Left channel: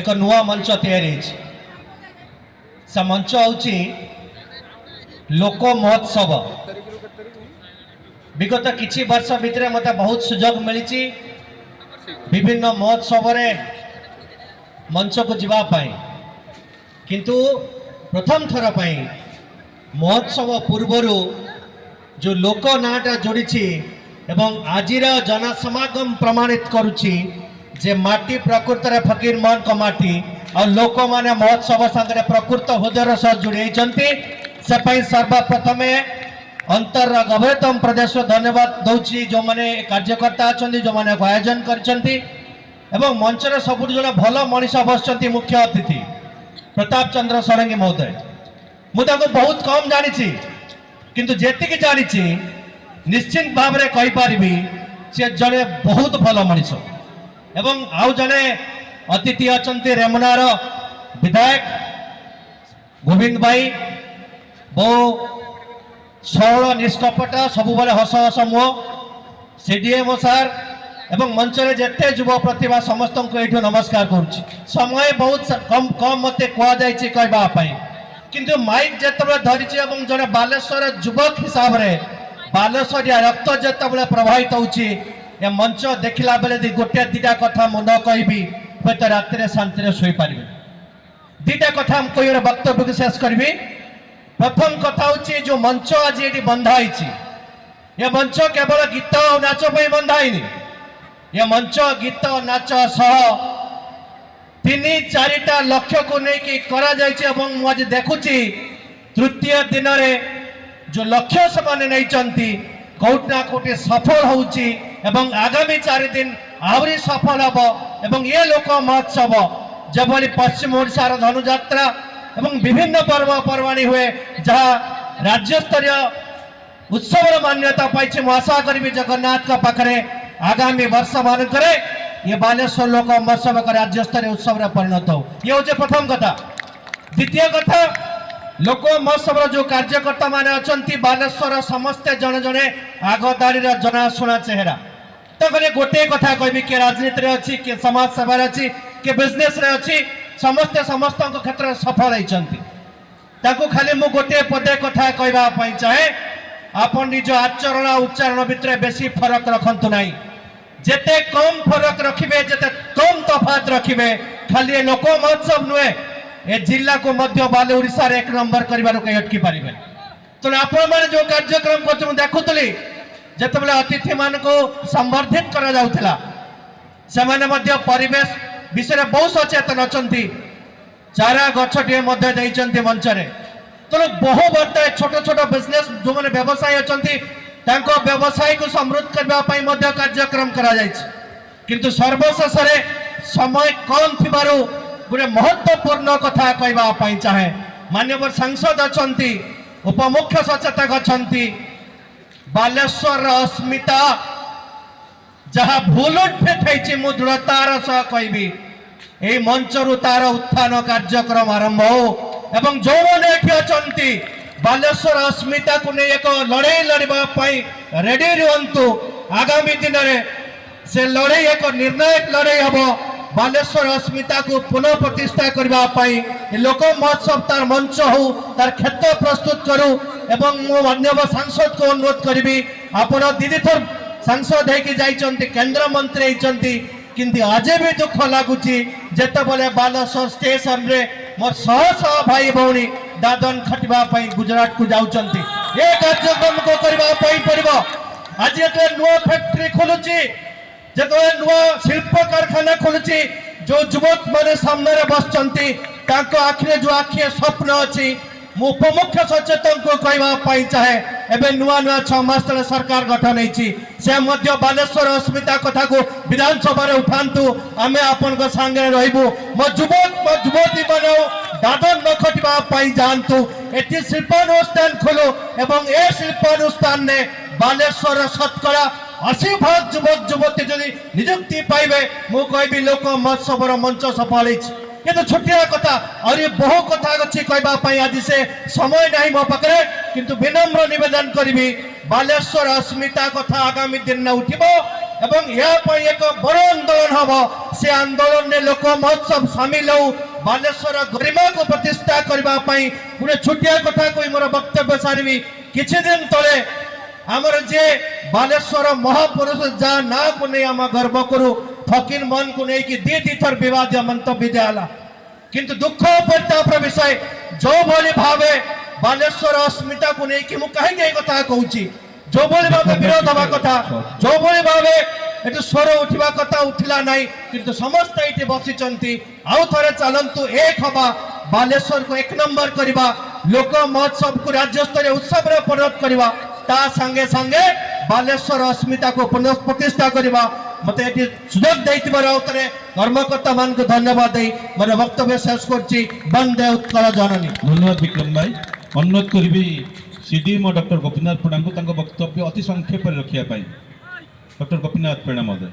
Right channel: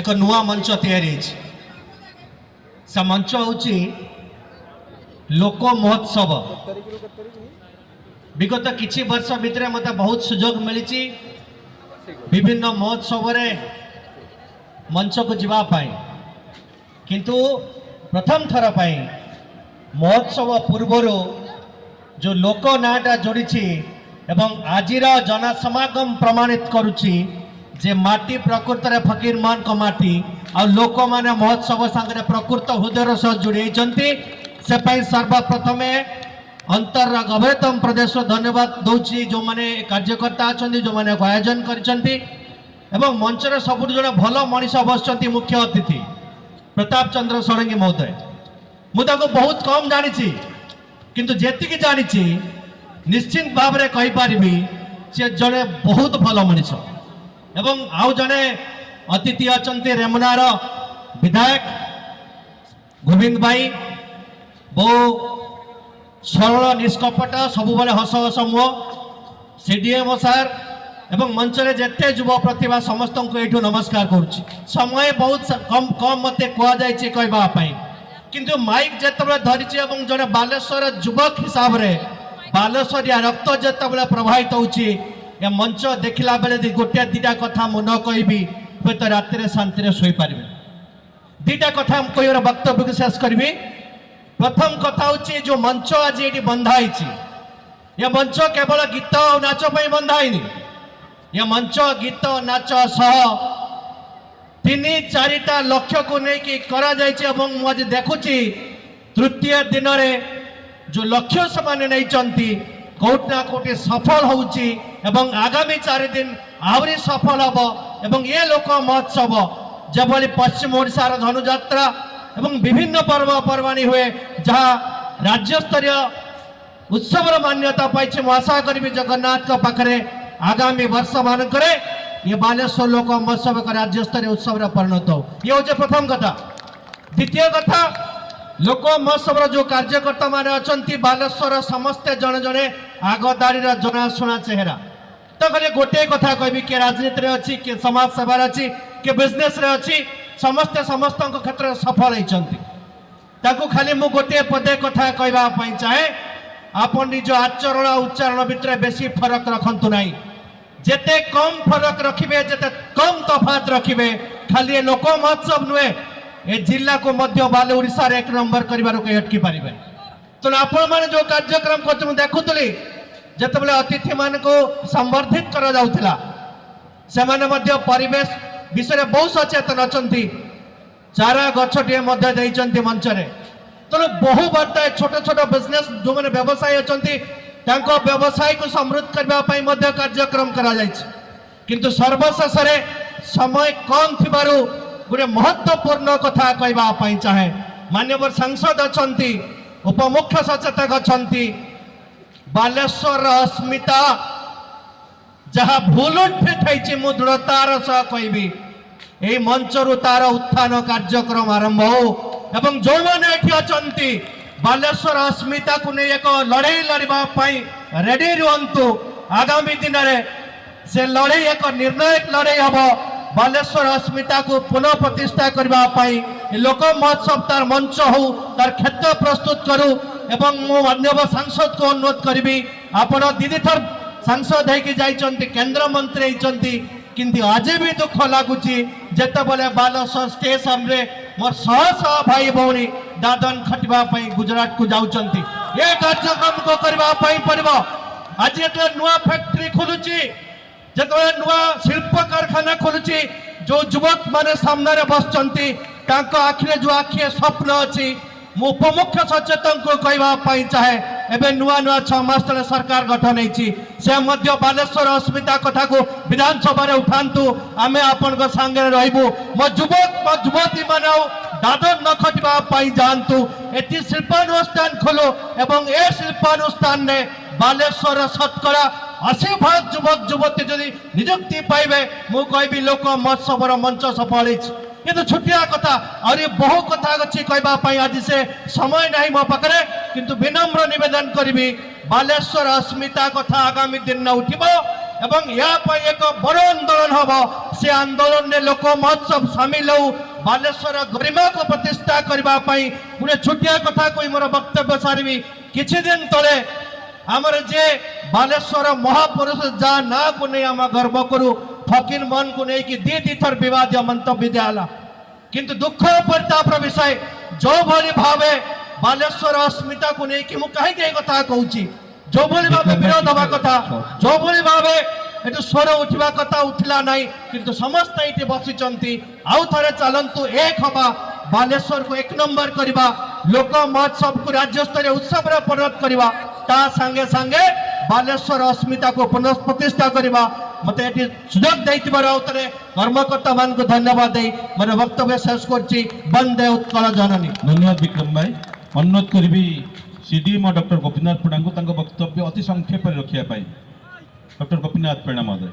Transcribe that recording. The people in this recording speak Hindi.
एक नुआ मंच तैयारी से मंच हूँ लोक महोत्सव। विगत किछि वर्ष भितर मत बहुत सुजोग मिली विभिन्न महोत्सव मंच को जीवाई, किंतु प्रथम थर पर महोत्सव पूर्वर जो लोक नाटा जोड़ी एवं आजिर जनसमागम प्रमाणित करुच्ची जे माटी प्रकृत फकीर मान को माटी आ लोक माने महोत्सव संगे प्रकृत हृदय सह जोड़ी से सर्वप्रथम अंतर गभीरतम प्रदेश धन्यवाद दौची जो माने कार्यकर्ता अच्छा जो माने आयोजन कर मंचर सब जो भल मनीष बसुँच मुख्य अतिथि प्रताप चंद्र षडंगी महोदय। मुझे बहुत कम जानी किंतु जेतिकी जानी निश्चित भाव में कहीपरि से जड़े बहुत भल मनीष एवं आउ जड़े अतिथि अच्छा रेमुनार विधायक गोविंद भाई बहु सरल निष्कपट सब हस हस मुह सीडीएमओ सार एवं मंच रे जेते युवा प्रतिभा समस्त को ये नमस्कार करुच्ची। समय बहुत कम कम मत कहवाई किंतु माइक जिते धरी जड़े बालेश्वर युवक हिसाब से बालेश्वरिया रक्त जिते प्रभावित होची ए मंच देखला बेले गोटे दीटा कथा मन कहबी हूँ तो रात शांति शोई पारि। दीटा कथा कह वक्तव्य को शेष करी। प्रथम कथा हूँ जो मंच आज ये बंधाई ये मंच केवल गीत और नाच बंधाई ये मंच गीत नाच सह 3-4टा लक्ष्य को लेकिन करा आज देखुची तृतीय दिन में जो लक्ष्य से कौटना कौटी सफल होउची एवं आगामी 4 दिन आहरी सफल हम एवं ये लोक महोत्सव जबली पश्चिम ओडिशार धनुଯାत्रा एवं विभिन्न पर्वपर्वाणी हुए जहाँ राज्य स्तरीय उत्सव मान्यता पाई। मु आशा करी जगन्नाथ पाखे आगामी वर्ष मानक ये बालेश्वर लोक महोत्सव का राज्य स्तरीय उत्सव परिणत हो। ये हूँ प्रथम कथा। द्वितीय कथा लोक महोत्सव जो कार्यकर्ता माने अच्छा बालेश्वर समस्ते जड़े जड़े आगदारी जनाशुना चेहरा तो गोटे कथा कहबी किए राजनीति अच्छी किए समाज सेवा अच्छी किए बिजनेस अच्छी समस्ते समस्त क्षेत्र में सफल होती खाली मु गोटे पदे कथा कहवाई चाहे आपन निज आचरण उच्चारण भितर बेसी फरक रखंतु नहीं। जेते कम फरक रखिबे जेते कम तफात रखिबे खाली लोक महोत्सव नुहे ए जिला को मध्य बाले ओडिशा रे 1 नंबर करिबार कहीं अटकी पारिबे। तो आपण माने जो कार्यक्रम कर देखुतली जेतेबेले अतिथि मान को संवर्धित करा जाउथिला से माने मध्य परिवेश विषय बहुत सचेतन अछंती चारा गछटिए मध्य देइचंती मंच रे। तो बहु वर्ष छोट छोट बिजनेस जो मैंने व्यवसायी अच्छा व्यवसाय को समृद्ध करने कार्यक्रम करा किंतु सर्वशेष समय कम थी गोटे महत्वपूर्ण कथा कहवाई चाहे माननीय सांसद अच्छा उपमुख्य सचेतक अच्छा बालेश्वर अस्मिता जहाँ भूल फिट मु दृढ़तार सह कहबी यही मंचरू तार उत्थान कार्यक्रम आरंभ हो एवं जो मैंने अच्छा बालेश्वर अस्मिता को नहीं एक लड़ाई लड़ाई रेडी रुहतु। आगामी दिन में से लड़ाई एक निर्णायक लड़ाई हम बालेश्वर अस्मिता को पुनः प्रतिष्ठा करने लोक महोत्सव तार मंच हो तार क्षेत्र प्रस्तुत करूँ एवं मो माननीय सांसद को अनुरोध करी आपण दीदी थर सांसद होती केंद्र मंत्री होती किंतु आज भी दुख लगुच जिते बड़े बालेश्वर स्टेशन रे मोर शह भाई भौणी दादन खटवाई गुजरात को जाऊँच ये कार्यक्रम को करने पड़ो। आज जो नुआ फैक्ट्री खोलुची जो नुआ शिल्प कारखाना खोलुची जो युवक माने सामने बसचंती आखिरे जो आखिए स्वप्न अच्छी मु उपमुख्य सचेतन को कहवाई चाहे एवं नुआ नुआ 6 मास तले सरकार गठन से बालेश्वर अस्मिता कथा को विधानसभा उठातु आम आपण सांगे रही मो युवक मो युवती माने दादन न खटापी जातु ये शिल्पानुष्ठान खोलो एवं ए शिल्पानुष्ठान ने बालेश्वर शतकड़ा 80% युवक युवती जदि निजुक्ति पाइबे मु कहबी लोक महोत्सव मंच सफल ये तो छुटिया कथा और ये बहु कथा अच्छी कहवाई आज से समय नहीं मो पाखे किंतु विनम्र निवेदन करी बालेश्वर अस्मिता कथा आगामी दिन में उठब এবং ଏହା ପାଇଁ ଏକ ବଡ଼ ଆନ୍ଦୋଳନ ହେବ ସେ ଆନ୍ଦୋଳନରେ ଲୋକ ମହୋତ୍ସବ ସାମିଲ ହଉ ବାଲେଶ୍ୱର ଗରିମାକୁ ପ୍ରତିଷ୍ଠା କରିବା ପାଇଁ ଗୋଟେ ଛୋଟିଆ କଥା କହି ମୋର ବକ୍ତବ୍ୟ ସାରିବି କିଛି ଦିନ ତଳେ ଆମର ଯେ ବାଲେଶ୍ୱର ମହାପୁରୁଷ ଯାହା ନାଁକୁ ନେଇ ଆମେ ଗର୍ବ କରୁ ଫକୀର ମୋହନକୁ ନେଇକି ଦି ଥର ବିବାଦୀୟ ମନ୍ତବ୍ୟ ଦିଆହେଲା କିନ୍ତୁ ଦୁଃଖ ପରିତାପର ବିଷୟ ଯେଉଁଭଳି ଭାବେ ବାଲେଶ୍ୱର ଅସ୍ମିତାକୁ ନେଇକି ମୁଁ କାହିଁକି ଏ କଥା କହୁଛି ଯେଉଁଭଳି ଭାବେ ବିରୋଧ ହେବା କଥା ଯେଉଁଭଳି ଭାବେ ଏଠି ସ୍ୱର ଉଠିବା କଥା ଉଠିଲା ନାହିଁ କିନ୍ତୁ ସମସ୍ତେ ଏଠି ବସିଛନ୍ତି ଆଉ ଥରେ ଚାଲନ୍ତୁ ଏକ ହେବା ବାଲେଶ୍ୱରକୁ ଏକ ନମ୍ବର କରିବା ଲୋକ ମହୋତ୍ସବକୁ ରାଜ୍ୟସ୍ତରୀୟ ଉତ୍ସବରେ ପରିଣତ କରିବା ତା ସାଙ୍ଗେ ସାଙ୍ଗେ ବାଲେଶ୍ୱର ଅସ୍ମିତାକୁ ପୁନଃ ପ୍ରତିଷ୍ଠା କରିବା ମତେ ଏଠି ସୁଯୋଗ ଦେଇଥିବାରୁ ଆଉ ଥରେ କର୍ମକର୍ତ୍ତା ମାନଙ୍କୁ ଧନ୍ୟବାଦ ଦେଇ ମୋର ବକ୍ତବ୍ୟ ଶେଷ କରୁଛି ବନ୍ଦେ ଉତ୍କଳ ଜନନୀ। ଧନ୍ୟବାଦ ବିକ୍ରମ ଭାଇ ଅନୁରୋଧ କରିବି ସିଡିଏମ ଡକ୍ଟର ଗୋପୀନାଥ ପଣ୍ଡାଙ୍କୁ ତାଙ୍କ ବକ୍ତବ୍ୟ ଅତି ସଂକ୍ଷେପରେ ରଖିବା ପାଇଁ। ଡକ୍ଟର ଗୋପୀନାଥ ପଣ୍ଡା ମହୋଦୟ।